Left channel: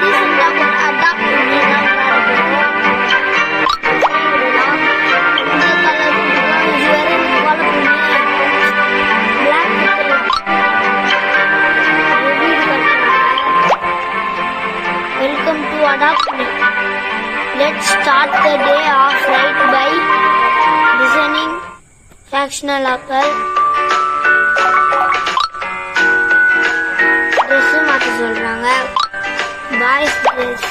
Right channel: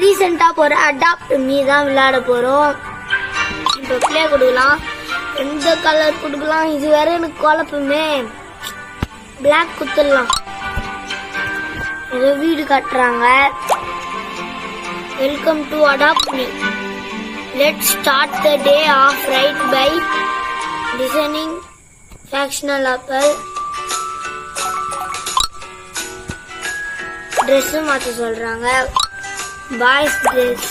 ரீசெண்டாக ஒரு அடாப்ட் பண்ணி தான் விளையாட போகிறோம். பிளே கொடுக்கலாம், எந்த கலர் கொடுக்கலாம். இது வேற எனக்கு குழப்பமே. பிளாக் கொடுத்துடலாம். வீடு கட்டுறாங்க. Welcome to adopt me. Let's start the day off right by designing fashionable apple. Dress மாற்ற சொல்கிறாங்க. பாய்ஸ் ட்ரெஸ்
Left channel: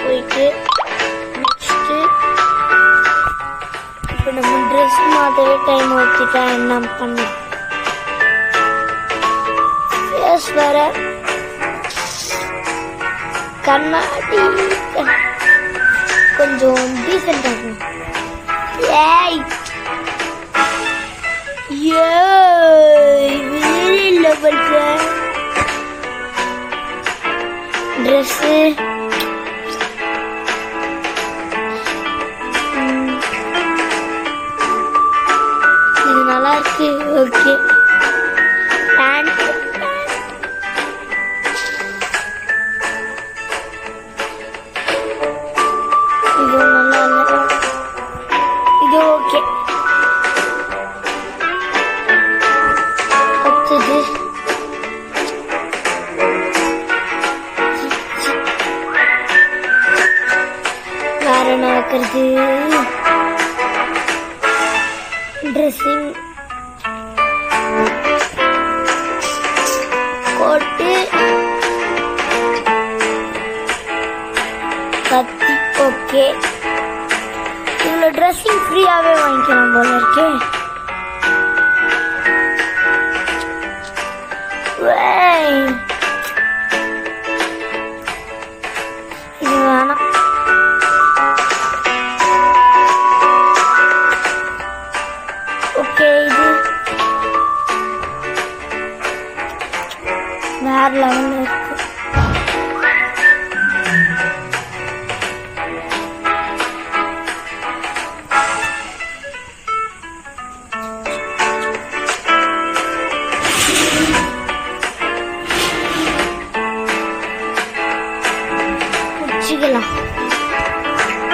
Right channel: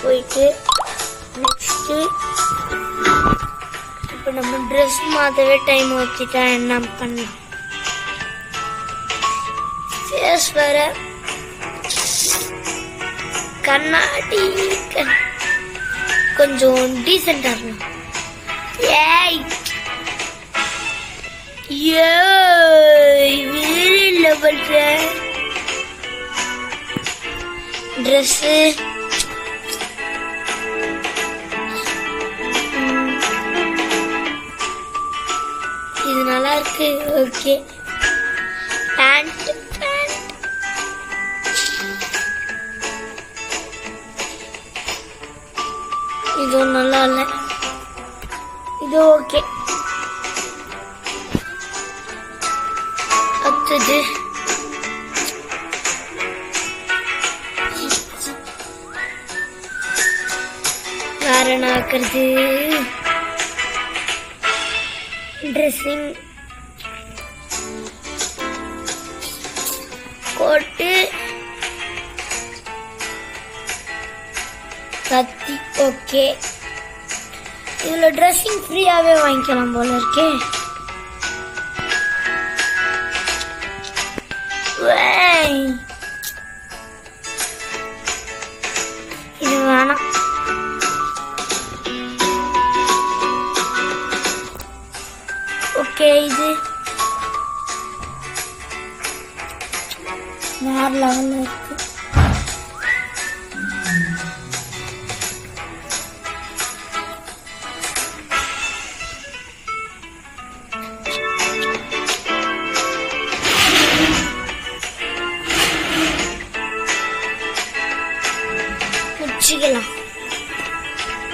போயிட்டு நெக்ஸ்ட்டு இப்போ நம்ம ட்ரெஸ் மாற்றவே டைம் வச்சுட்டா என்ன பண்ண. ஃபேஸ் வேற கண்ணாடி கொஞ்சம் டீசெண்டா இருக்கணும். ஏய் வேற லெவல் ட்ரெஸ். இது நல்லா இருக்கு. ஓகே, பேண்ட் இது நல்லா இல்லை. இது ஓகே. அடுத்தது வேற என்ன வைக்கிறது? ட்ரெஸ்ஸிங் கோட்டு கத்தி. ஓகே, இதுல ட்ரெஸ்ஸிங் ஃப்ரீயாவே வாங்கிக்கலாம் போல இருக்கே. இது வேணாம். ஓகே, இது வேற லெவல்ல இருக்கு.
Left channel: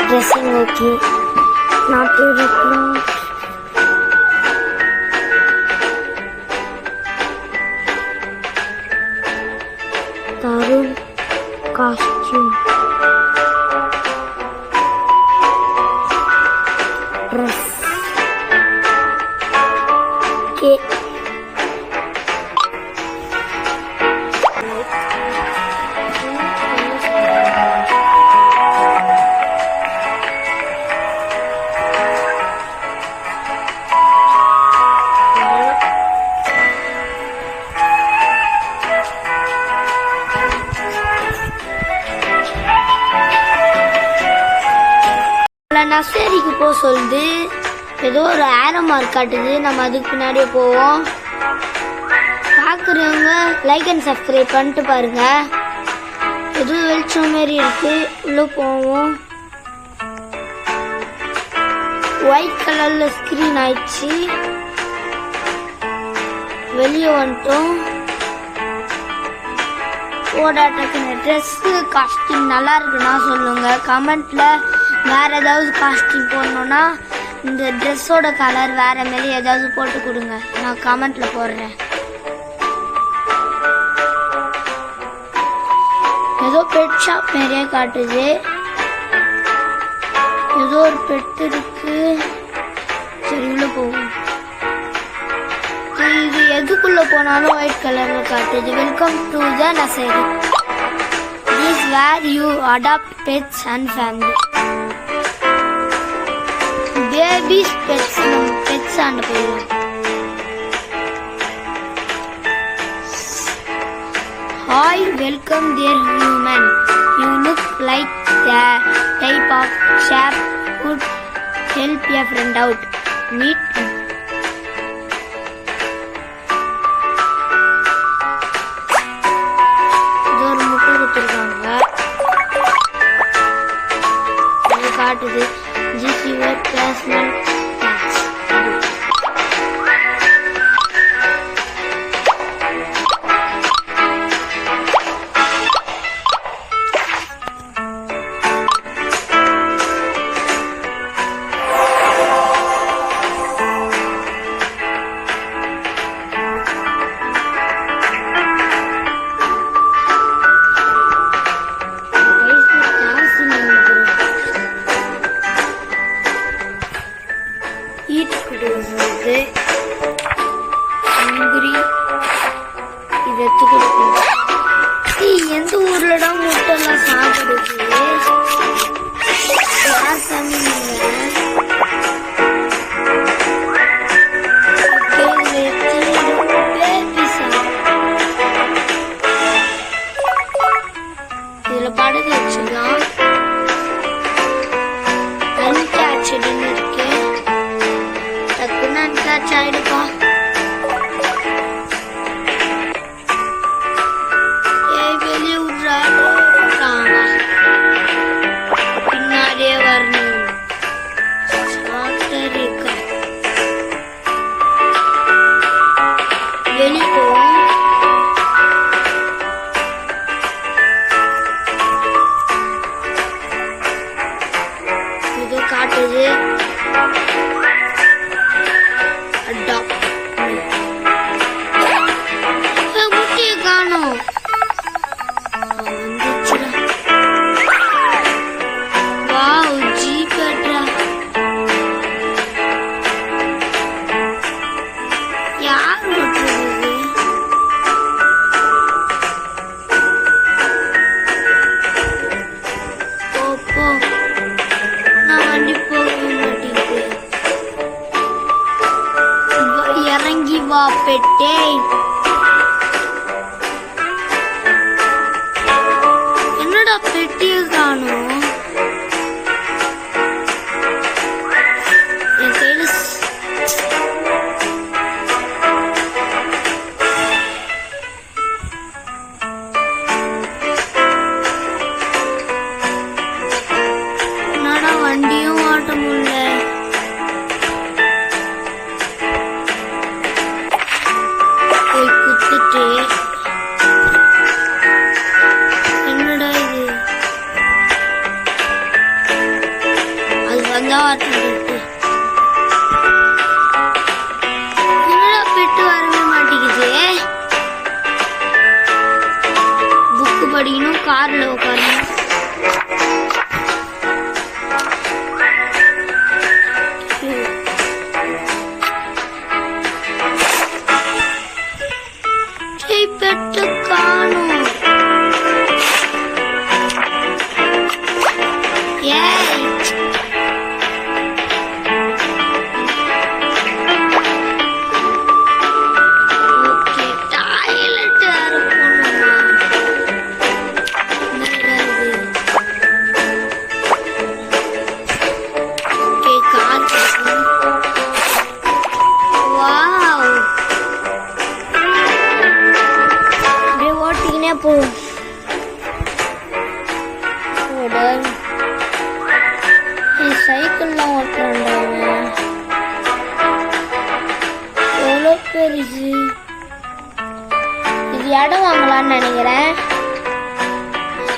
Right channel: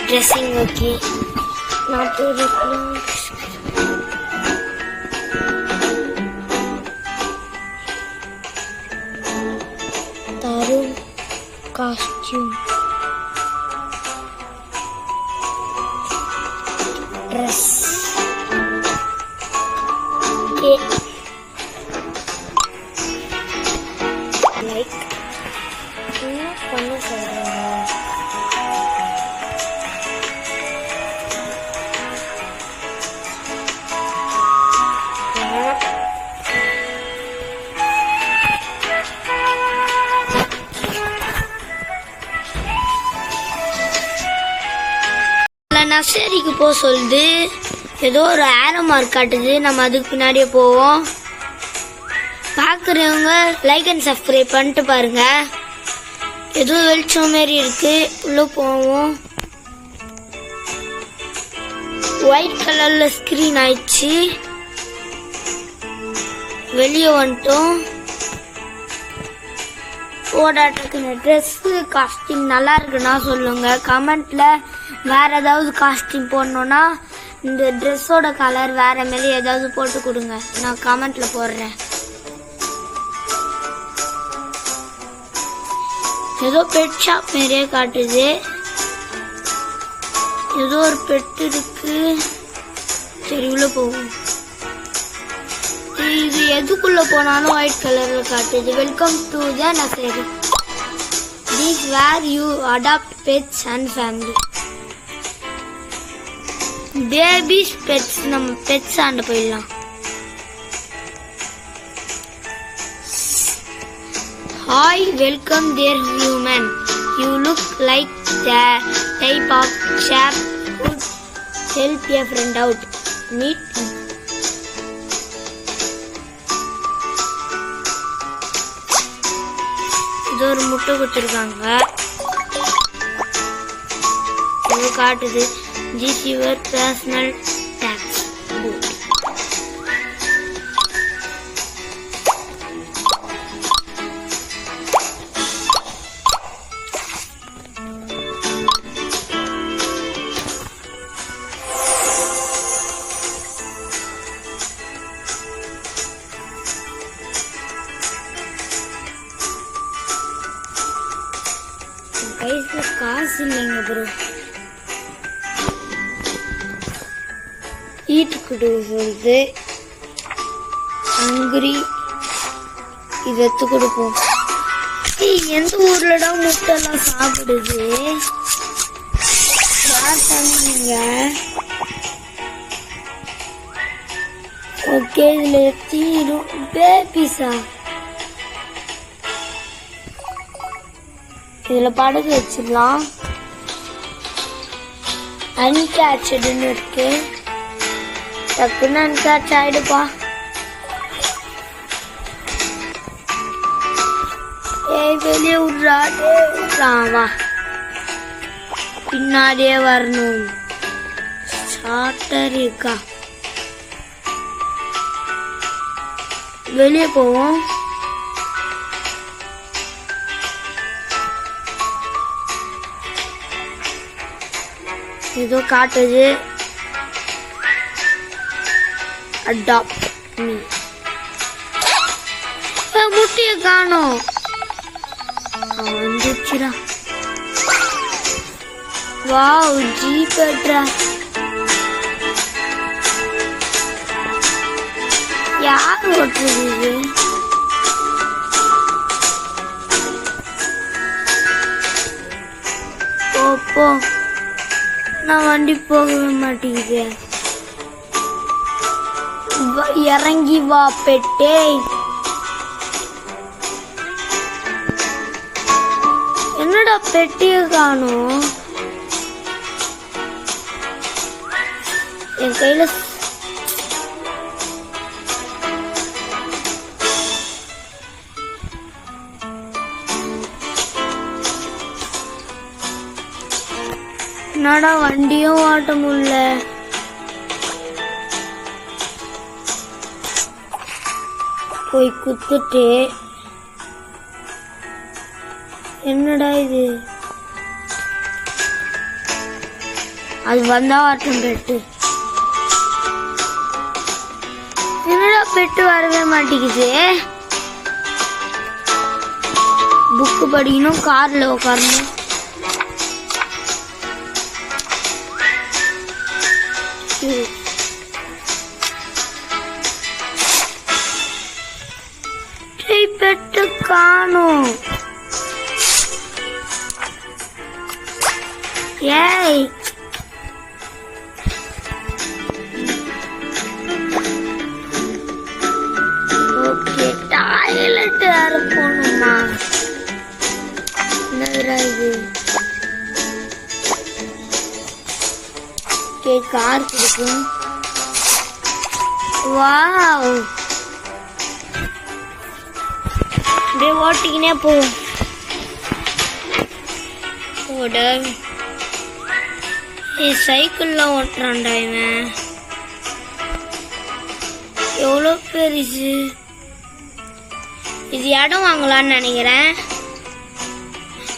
Dressing okay. நாட்டு Tarun costume dress okay. Like நர்சரிக்கு போக சொல்லுது. ஏதோ ஒரு ஆரோ மார்க் காட்டுது. நம்ம அதுக்கு பின்னாடியே போவோம். பார்க்குறவங்க லைக் அண்ட் சப்ஸ்கிரைப் பண்ணிட்டு பாருங்க. ஏதோ வெளிச்சம் மாரி இருக்கு. உள்ள போவோம். ஒயிட் கலர்ல ஸ்கிரீன் ஆயிடுச்சு. வெளியே வந்துட்டோம். ஓடாட்டக்குன்னு ட்ரெஸ்ஸு காஸ்டியூம் நல்லா இருக்குன்னா சொல்லுங்க. கமெண்ட்ல வேற ஏதாவது காஸ்டியூம் போடணும்னா இந்த ட்ரெஸ்ஸோட கலர் வேற மாரி ஏதாவது போட்டு கொடுங்க. நான் கமெண்ட்ல போடுறேன். ஏதோ பெட் ஷாப் மாரியே காட்டுது. ஏதோ ஒரு பெட் இருக்கு. சரி, உள்ள போவோம். இது எதுக்குள்ள போனாலும் ஒயிட் கலர்ல காட்டுது. Welcome to the nursery. This where you adopt pets and family. Babies pets. நம்ம பெட்ஸ் ஆண்ட போயிடலாம். Hi, welcome there human. You look like the type of shop would help a friend out. Meet இது ஒரு முட்டை கொடுத்துருக்காங்க. இது காட்டுது. This is your personal tax. கொடுக்குறது ஹங்கிரி இது எடுத்து கொடுப்போம். எந்த ஊர்லடா முட்டைலாம் சாப்பிடுது? ஓகே இதுல எடுத்து பேபிஸா இதுல படுக்க வச்சிடலாம். அன்கேட்சடுன்னு இருக்கு. டக்குன்னு அன்கேட்ச் ஆயிடுப்பா. வெளியே விட்றாவா பின்னாடியே வரணும். சாட்டர் இருக்கா வெளியே போவோம். ஏதோ காட்டுது. அடாப்ட் முட்டையை காணோம். வந்துச்சுடா. Wow zebra. யார் ஓட்டுறது? போ நான் வண்டி போகவே மாட்டேங்குது. இறங்கி வா பெட்டே. என்னடா பெட்டிய காணும்? என் கையில என்னடா வண்டியும் ஓட்ட முடியல. போய் குத்துட்டு என்னடா இது? அது வந்தா ஆட்டம் பெட்டு. என்னடா பெட்டு வரவே மாட்டேங்குது. புக்கு படிக்கணும், கார்ல உட்காரணும். பெட்டு காணும். ஏய் ஓகே டாய்லெட் வேற போகணுமா? என்னடா இது? ஓகே கார் கிடைக்கும். வாவ் அப்படியே ஓட்டிக்கினே போ. சைக்கிள்லாம் ஓட்டுறான்டா இவன். எவ்வளோ பெருசு இது. இடம் வாங்கலான்னு நினைக்கிறேன்.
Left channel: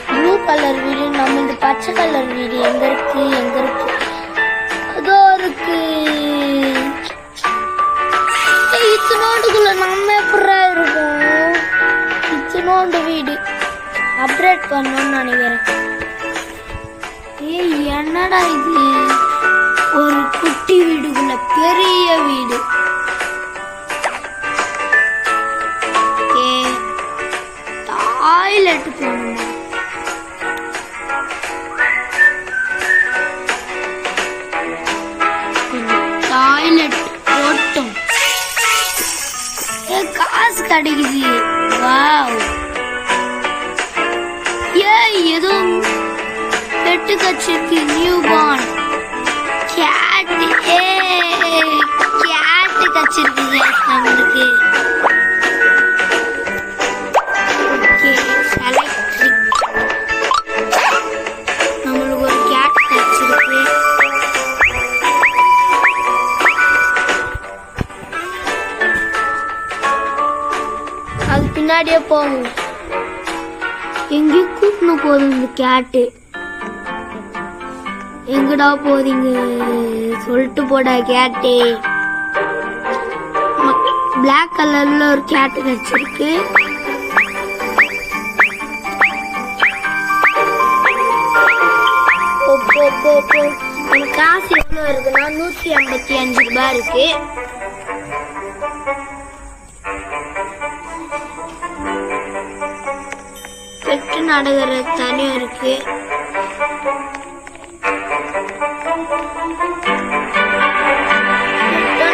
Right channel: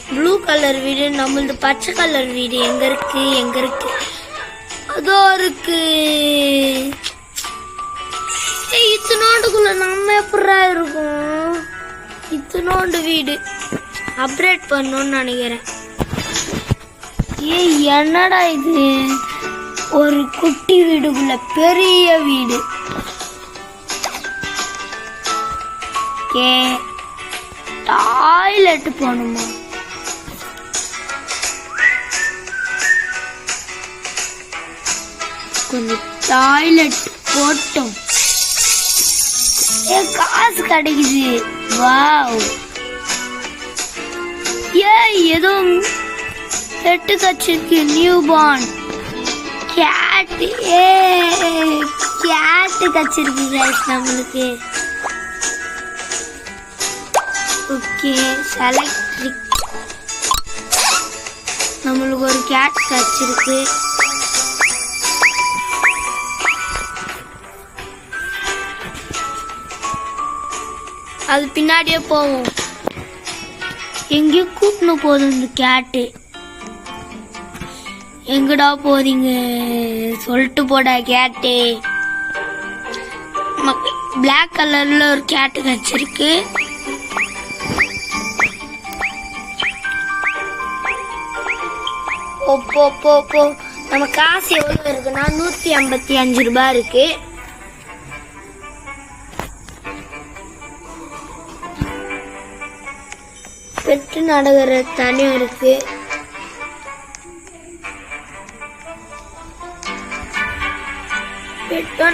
ப்ளூ கலர் வீடு, நம்மளது பச்சை கலர் வீடு எங்க இருக்கு? எங்க இருக்கு? அதோ இருக்கு. இத்தனோண்டுக்குள்ள நம்ம எப்படா இருக்கும்? இத்தனோண்டு வீடு அப்கிரேட் பண்ணணும்னு நினைக்கிறேன். ஏய் என்னடா இது? ஒரு குட்டி வீடுக்குள்ள பெரிய வீடு. டாய்லெட் போகணுமா? டாய்லெட் போட்டோம். காசு கிடைக்குது. வாவ் ஏய் ஏதோ பெட்டு கச்சிருக்கு. New born cat. கேட்டு கச்சிருக்கு நம்மளுக்கு. Okay select. நம்மளுக்கு ஒரு கேட் கச்சிருக்கு. அது பின்னாடியே போவோம். எங்கேயும் கூட்டணும் போதும் இந்த கேட்டு. எங்கடா போறீங்க சொல்லிட்டு போடா கேட்டு. பிளாக் கலர்ல ஒரு கேட்டு வச்சிருக்கு. ஓ போ. நம்ம காசு எவ்வளவு இருக்குன்னா 155 ரூபாய் இருக்கு. பெட்டு நடுகிற தனி இருக்கு.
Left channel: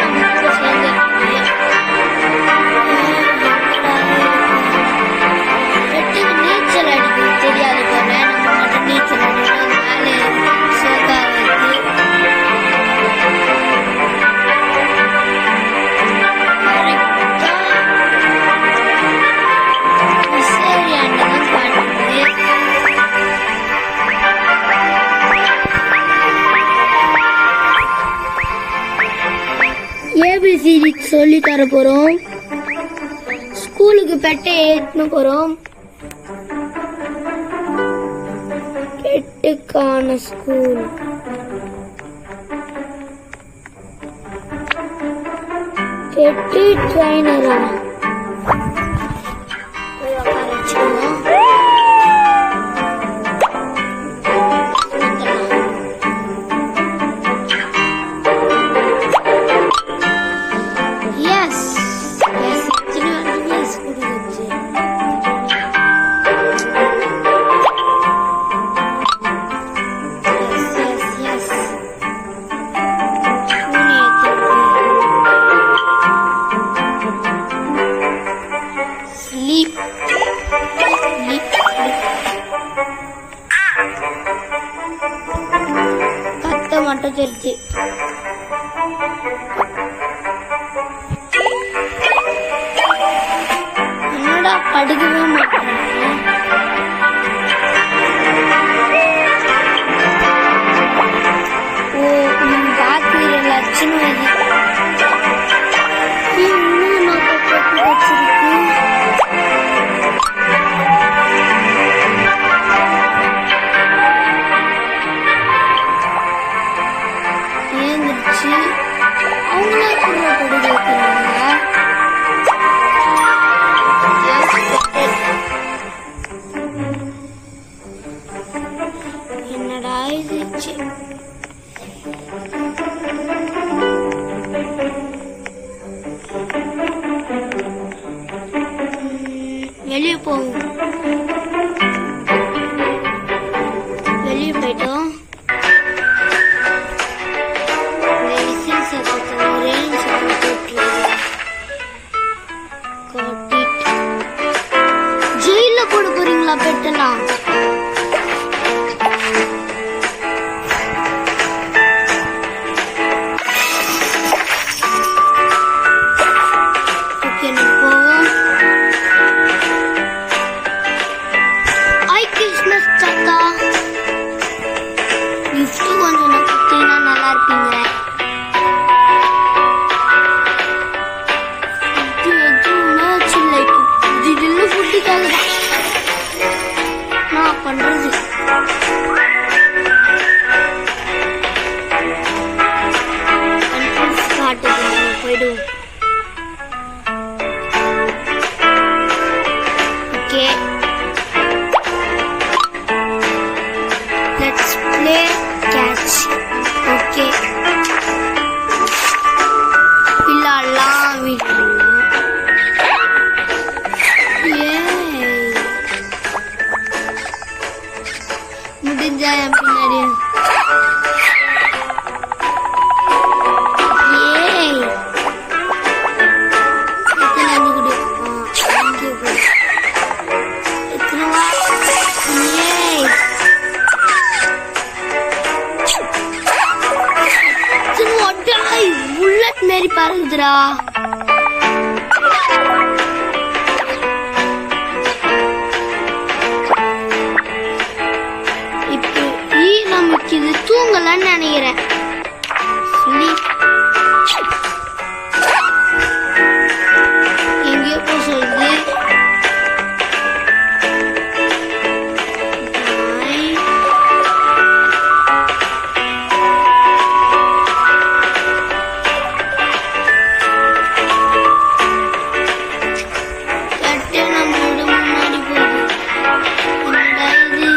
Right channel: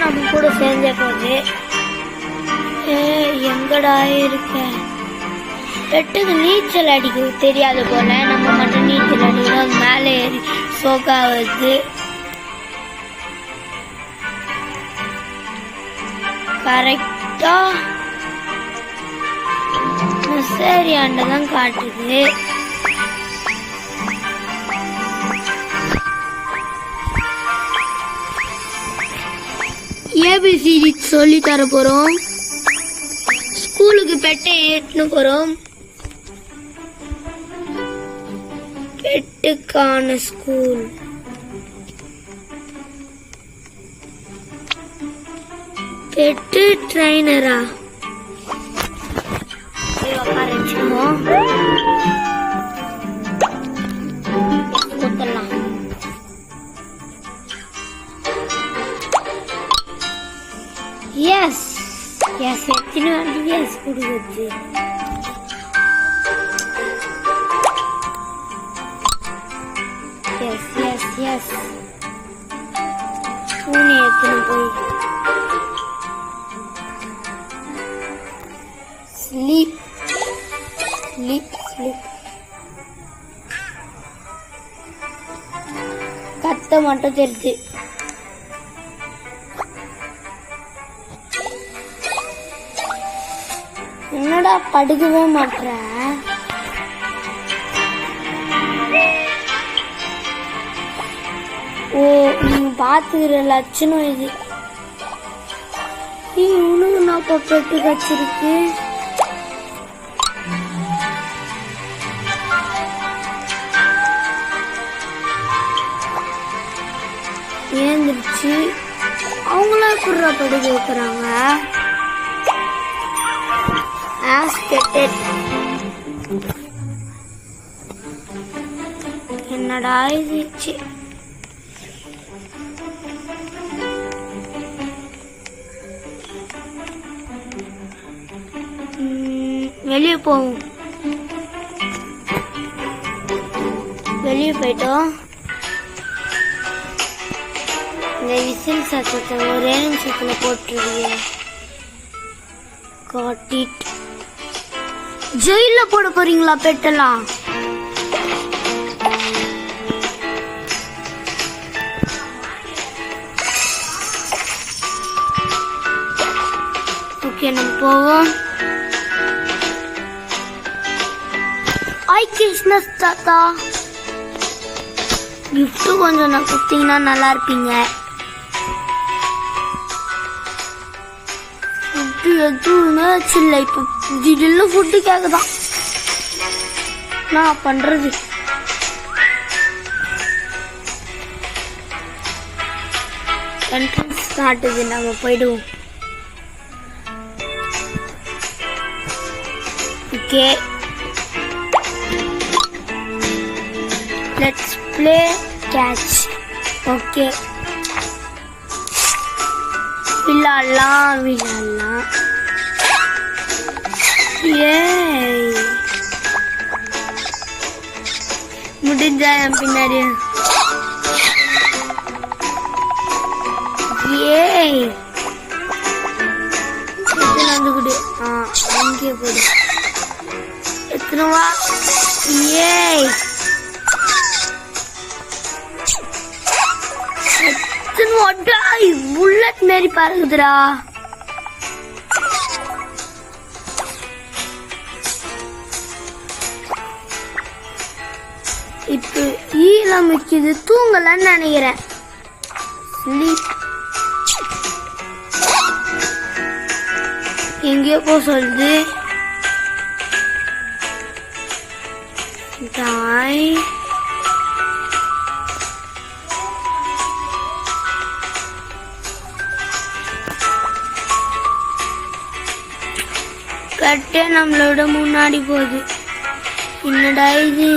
நம்ம கூட சேர்ந்துருக்காங்க. எங்கடா இருக்கு பெட்டுக்கு நீச்சல் அடிக்கிறது தெரியாது போல. நம்ம மட்டும் நீச்சல் அடிக்கிறோம். மேலே சோகா இருக்கு. கரெக்டா விசாரியாண்டதான் காட்டுது. ஏபிசிடி சொல்லி தர போறோம். ஸ்கூலுக்கு பெட்டை ஏற்று போறோம். பெட்டுக்கான ஸ்கூல். பெட்டு ட்ரைனரா? கத்த மட்டும் தெரிஞ்சு என்னடா படுக்கவே மாட்டாங்க. ஓ நீங்க பாத்துக்கிற லட்சணம் இது. இன்னும் நான் பெட்டு வச்சிருக்கு. ஏந்துருச்சு. அவங்களா குடுற படுக்க வைக்கிறாங்க. என்னடா இருந்துச்சு. வெளியே போவோம். வெளியே போயிட்டோம். விசில் சத்தத்தை ஒரே நிமிஷத்துல போட்டுருவோம். ஜெயில போட போறீங்களா பெட்டெல்லாம்? ஓகே நம்ம போவோம். கிறிஸ்மஸ் தாத்தா கிஃப்ட் கொஞ்சம் நான் கொடுத்தீங்கன்னா நல்லா இருப்பீங்க. எதுவுமே சில்ல. இப்போ திடீர்னு ஃபுட்டுக்காக தான் நான் பண்றது. என்ட்ரன்ஸ் காட்டுது. நம்ம போயிடுவோம். Okay let's play catch. Okay விளையாடலாம். முடிஞ்சா என் பின்னாடி புல்லட் மாரி பாருங்கடா. இப்போ நமக்கு இது தூங்கலன்னு நினைக்கிறேன். எங்கேயோ போ சொல்லுது. கட்டே நம்மளோட முன்னாடி போகுது. என்னடா இது?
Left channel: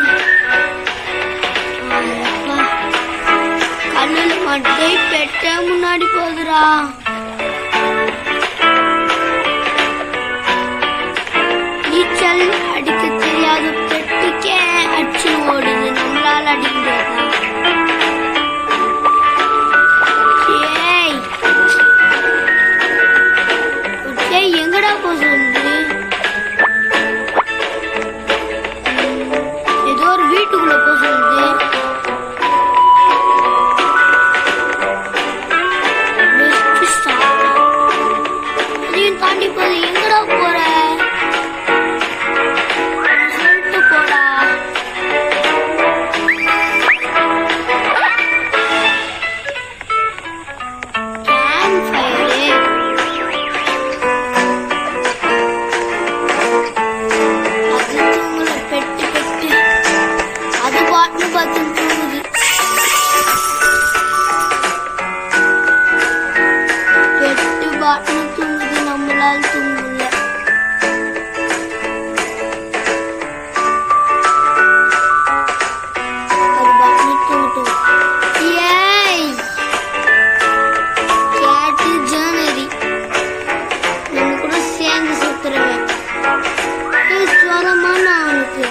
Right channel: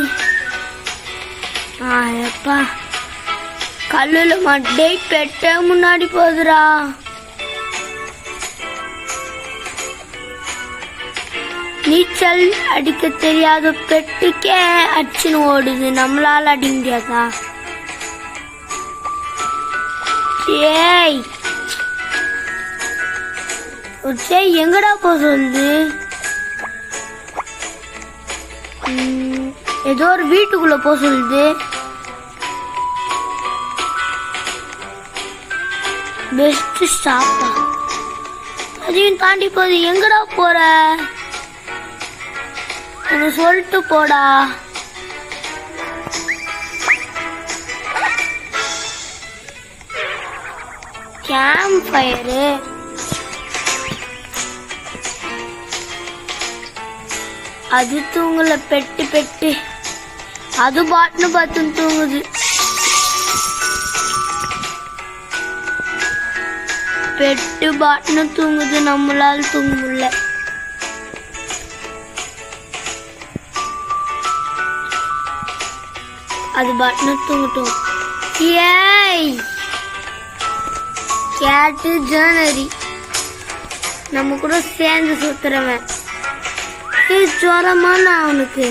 கல்லுல மட்டை பெட்ட முன்னாடி போகுதுடா. நீச்சல் அடிக்க தெரியாத பெட்டுக்கே அடிச்சுன்னு ஓடுது, நம்மளால அடிக்க முடியாதா? ஏய் எங்கடா போக சொல்லுது? ஏதோ ஒரு வீட்டுக்குள்ள போக சொல்லுது. Best stop. அதையும் தாண்டி போகுது. எங்கடா போற? சொல்லிட்டு போடா. Camp fire. அது தூங்கல, பெட்டு பெட்டு அது பாட்டுன்னு பார்த்து தூங்குது. பெட்டு பாட்டுன்னு தூங்குது, நம்மளால தூங்க முடியல. அது பாட்டுன்னு தூங்கட்டும். ஏய் கேட்டு ஜனரி நம்ம கூட சேர்ந்து சுத்துறவன். ஜோரமான அவனுக்கு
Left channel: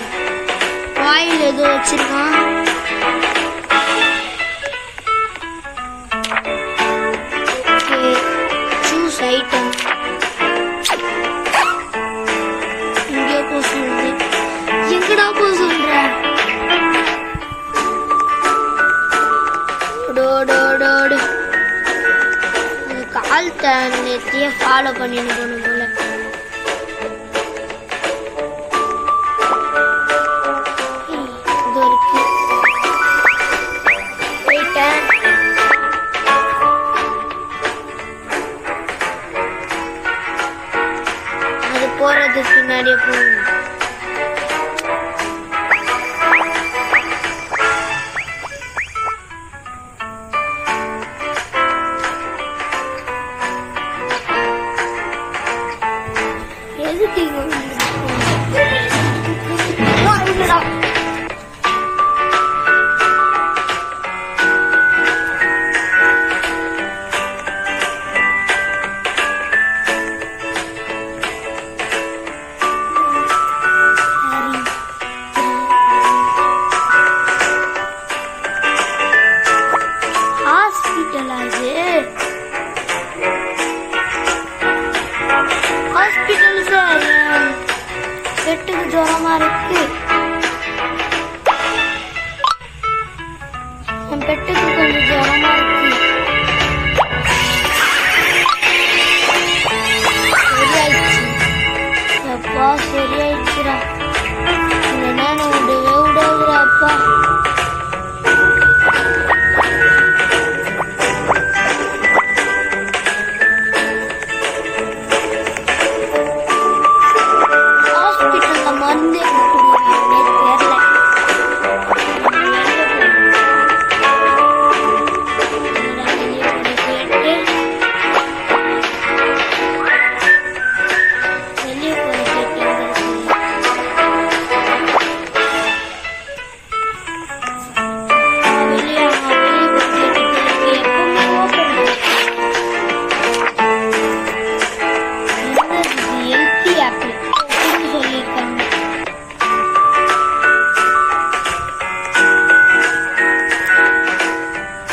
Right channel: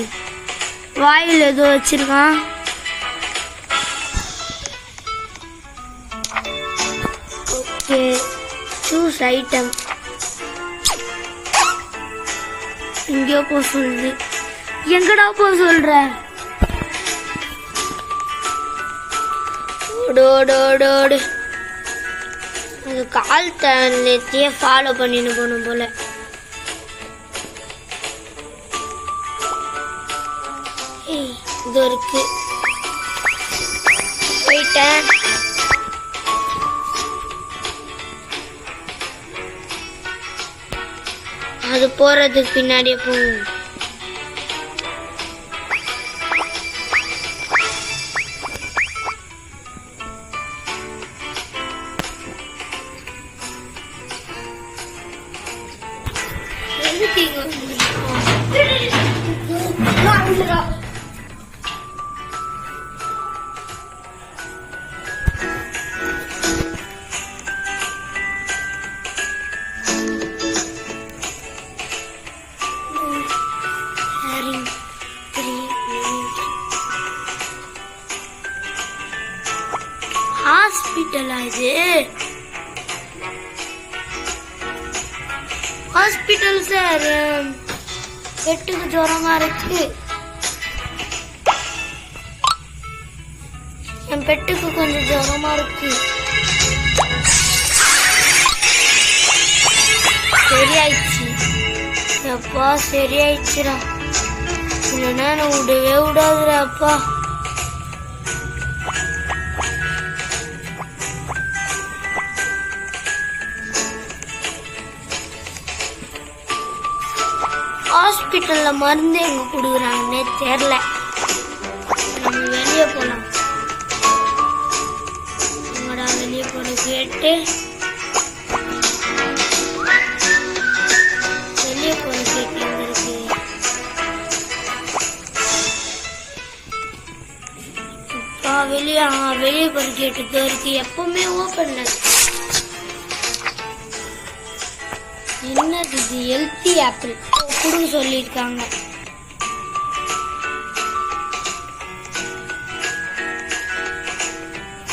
வாயில் ஏதோ வச்சிருக்கான். Okay choose item. இங்கே போக சொல்லுது. எங்கடா போக சொல்ற? ஓடோடோடோடு. அது கால் தண்ணியே ஃபாலோ பண்ணின்னு போகணும் போல. இருக்கு போயிட்டேன். அது போறதுக்கு பின்னாடியே போகணும். எதுக்கு ஹாஸ்பிட்டல் சார்? பெட்டுக்கு ஜுரமா இருக்கு. என் பெட்டுக்கு கொஞ்சம் ஜுரமா இருக்கு. சரியாயிடுச்சு. அப்பா சரியாயிடுச்சுடா. இந்த நேரம் விடவே விடாதுடா அப்பா. ஹாஸ்பிட்டல்ல மருந்து எங்க குடிக்கிறாங்கன்னே தெரியல. வெளியே போன கேட்டு வெளியே போன கேட்டு வெளியே போன கேட்டு எப்பவுமே ஓப்பன். என்னது இது? ஹெல்த்தி ஆப்பிள் சொல்லிருக்காங்க.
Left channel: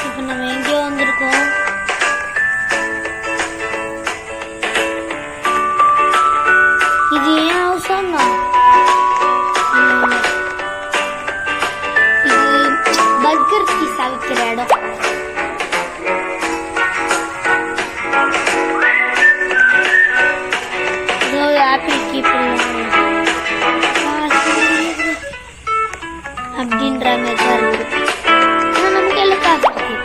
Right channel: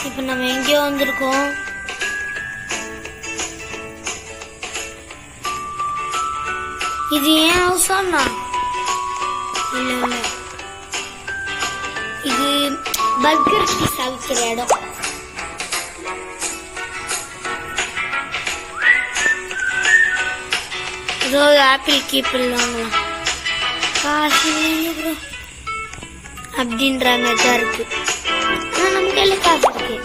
இப்ப நம்ம எங்கேயோ வந்திருக்கோம். இது ஏன் அவசரம்னா இது பர்கர் பீஸ் அவிக்கிற இடம். ஆப்பிள் கீப் அப்படின்ற மாதிரி தான் இருக்கு. நமக்கு எல்லாம் காசு இருக்கு.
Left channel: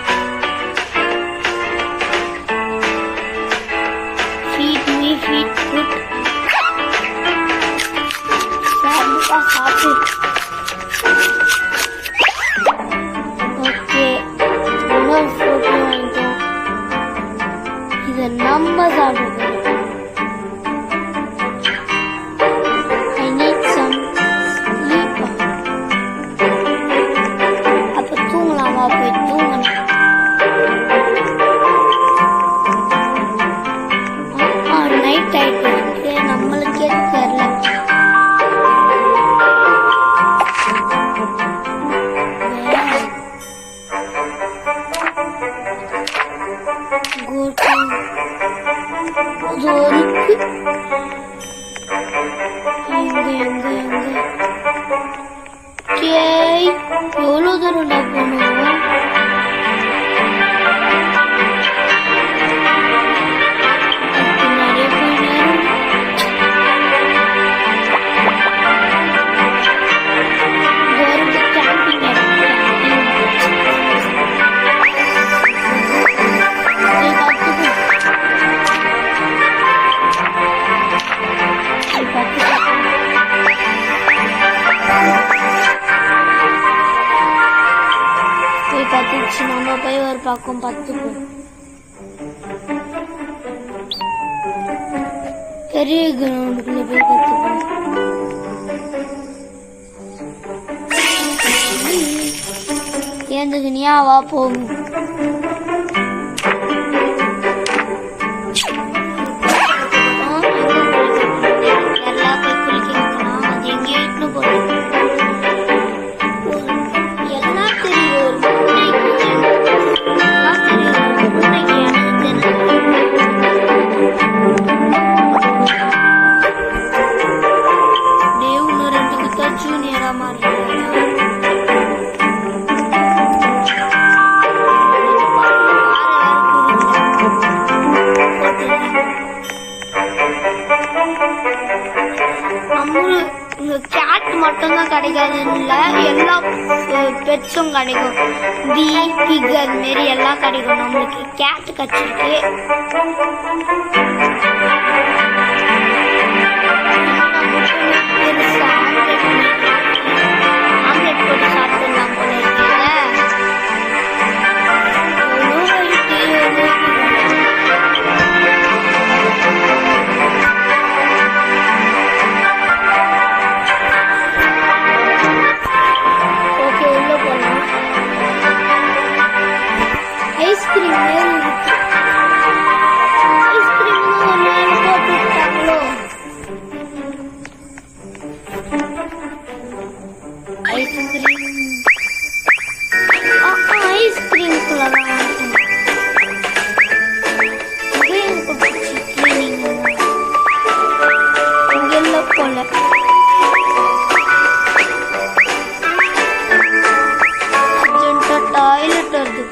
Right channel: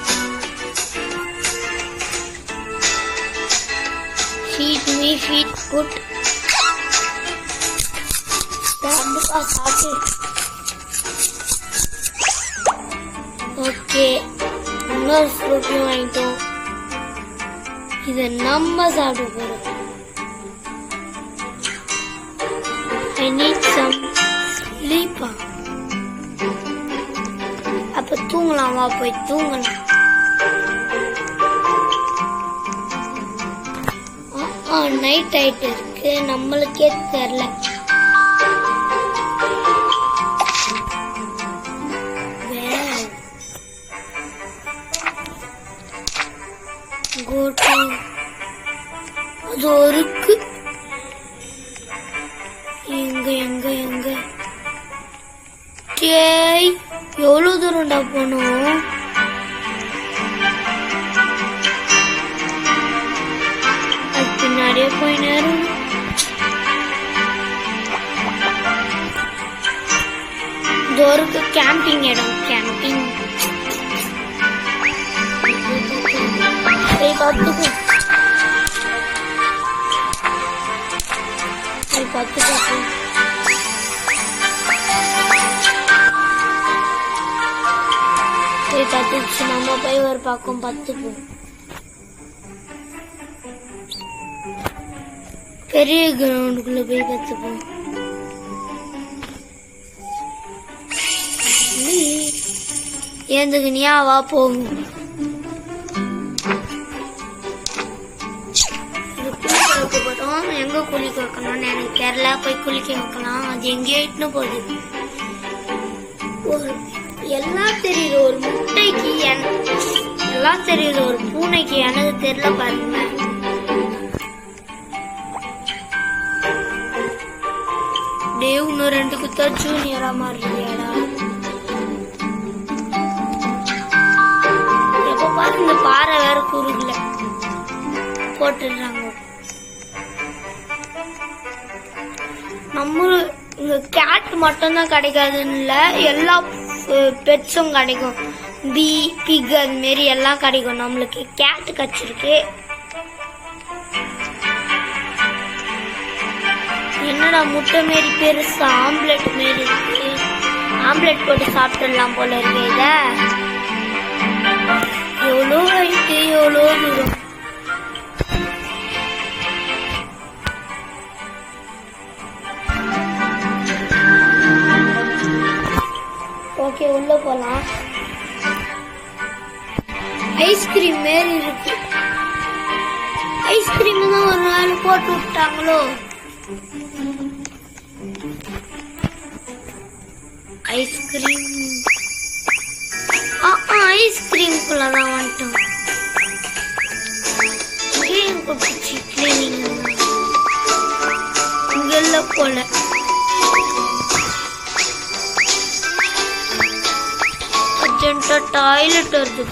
Feed me feed good. சாப்பிடு. ஓகே இன்னொரு ஃப்ரூட்டும் வாங்கிட்டோம். இதை நம்ம சாப்பிட போறோம். I need some sleep. அப்ப தூங்கலாம். வா போய் தூங்கணும். நைட் ஆயிட்டு இருக்கு, நம்மளுக்கே தெரியல. இருக்கு எங்க எங்க எங்க கேய் எவ்வளவு தூரம்டா போனோம்? பின்னாடியே போய் நேரம் தூரத்து கேம்பிங் இடம். கேம்பிங் கத்துச்சு. நம்ம போய் ஒரு பக்கம் பத்துப்போம். பெரிய கிரவுண்டுக்குள்ள போய் கத்துப்போம். ஏந்துக்கு நீயாவா போகும். எங்க குளிக்க கேரளா போய் குளிக்க வைக்கலாம். அது எங்கேயோ இட்டு போகுது. எல்லாம் தெரியுது ஒரு பூனைக்கு, எல்லாம் தெரியுது ஒரு பூனைக்கு. எனக்கு தெரியல. இன்னும் 2 குத்தா ஜூனியரா மாறிடுறா. இப்ப பாரு, இந்த பாறை வேற குறுகல போட்டு. இங்க கேட் மட்டும் தான் கிடைக்காதுன்னு இல்ல, எல்லா பெட்ஸும் கிடைக்கும். பீ பிக் அது மாரி எல்லாம் கிடைக்கும். நம்மளுக்கு கேட் கச்சிருக்கு. என்னடா முட்டை மாரி பெருசா ஆம்லெட் மாரி. ஆம்லெட் போட்டு சாப்பிட்டுடலாம் போல இருக்குல்ல. எவ்வளோ இருக்கு, எவ்வளோ இருக்கு. உள்ள போலாம். ஐஸ்கிரீம் மேல இருக்கு. ஐஸ்கிரீம் தான் ஒரு நாள் போட்டு விட்டாங்களோ. ஐஸ்கிரீம் ஐஸ்கிரீம்குள்ளதான் வாங்கிக்கணும். இங்கெல்ல போல டாய்லெட் வருது.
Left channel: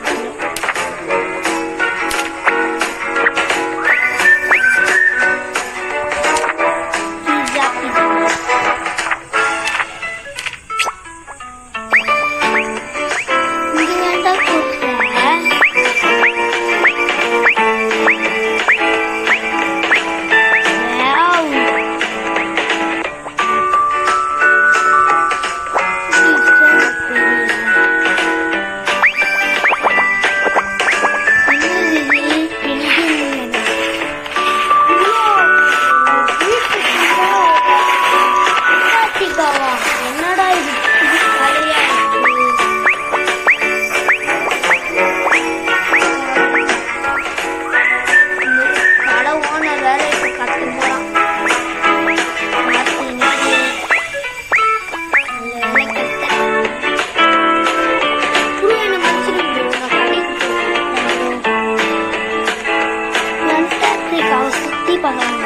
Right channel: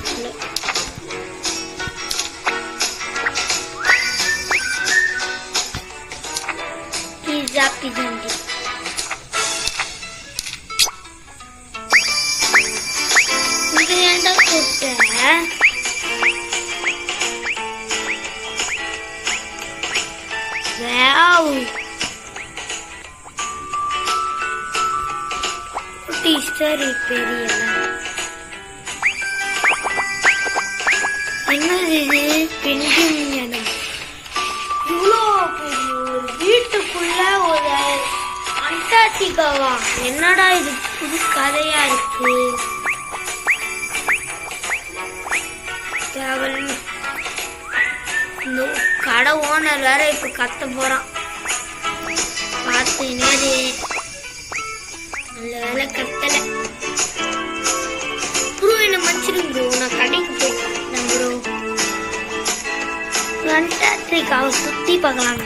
என்னடா இது புது கதையா இருக்கு. கடை ஓனர் வேற இப்ப கத்த போறான். என்ன மச்சிருந்தோ நான் கடைக்கு போய் அவ சுத்தி பார்க்கலாம்.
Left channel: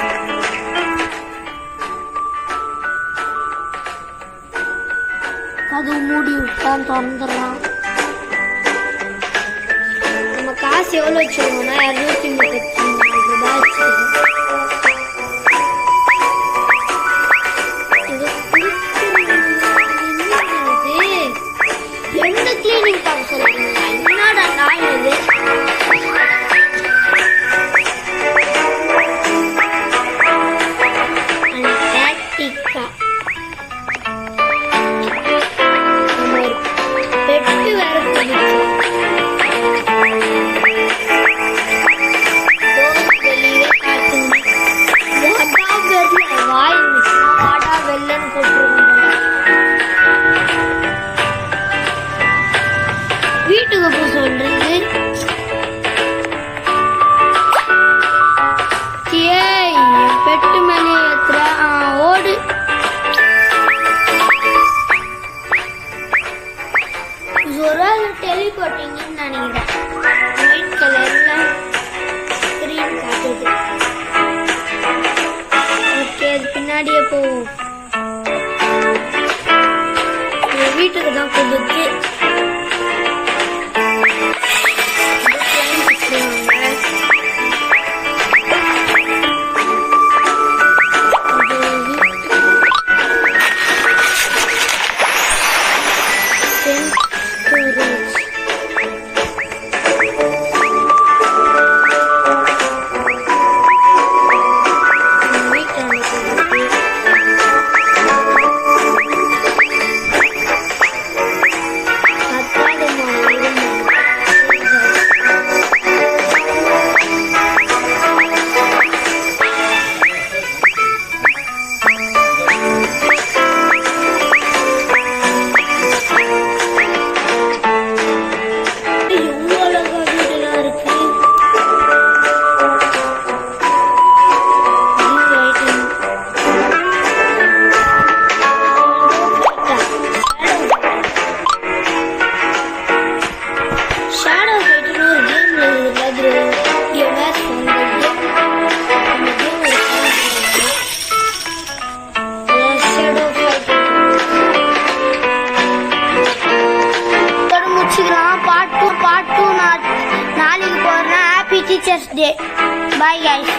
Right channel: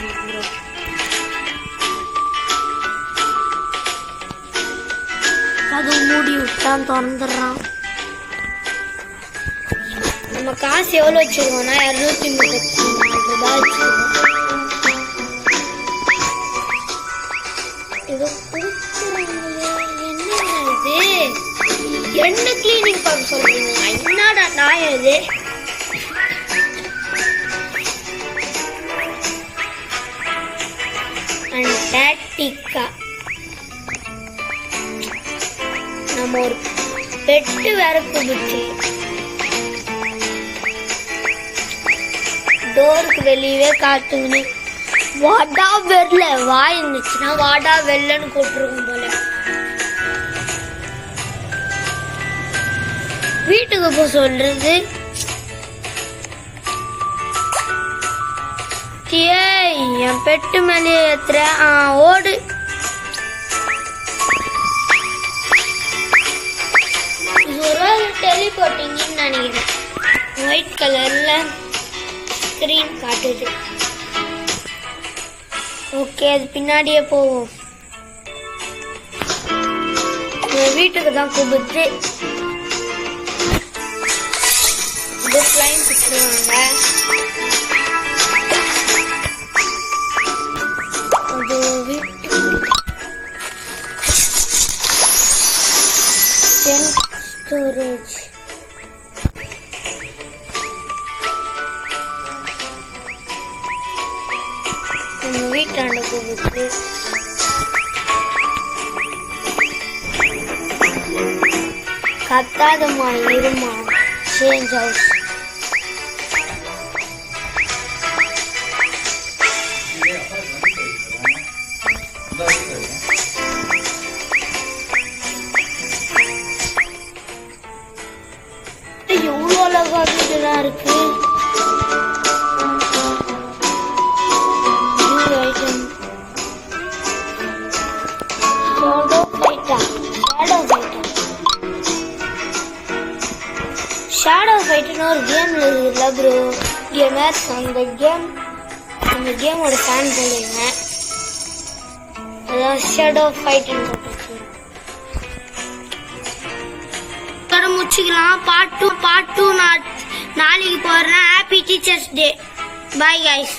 அது மூடி விட்டான், திறந்துடுறான். நம்ம காசு எவ்வளவு வச்சிருக்கோம்னா 234 ரூபாய் வச்சிருக்கோம். என்ன கிளீனிங் பார்க்க சொல்றீங்க? என்னடா நான் இது பெட்டு வேற குடிச்சு டோருக்கு வெளியே காட்டுங்க. வாடா வெள்ள வாய் இருந்துச்சுன்னா வாடா வெள்ளன்னு போட்டுருக்கோம். வீட்டுக்கு போய் சொல்றது. ஏய் பெட்டு மேலே ஏத்துறேன். ஓடு. டெலிபோர்ட்டிங்னு நினைக்கிறேன். ஒயிட் கலர்ல ஸ்கிரீன் காட்டுது. ஓகே, அது பின்னாடியே போவோம். வீட்டுக்கு தான் கொடுத்து ஷேடோ ஃபைட்னு ஒரு கேம் இருக்குதுல்ல ப்ரோ, கேமர்ஸ் அந்த கேம் ஒரு சாங் போடுங்க. ஷேடோ ஃபைட்டிங் முடிச்சுக்கலாம். பார்ட் 2 நான் நாளைக்கு போடுறேன். Happy teachers day. Bye guys.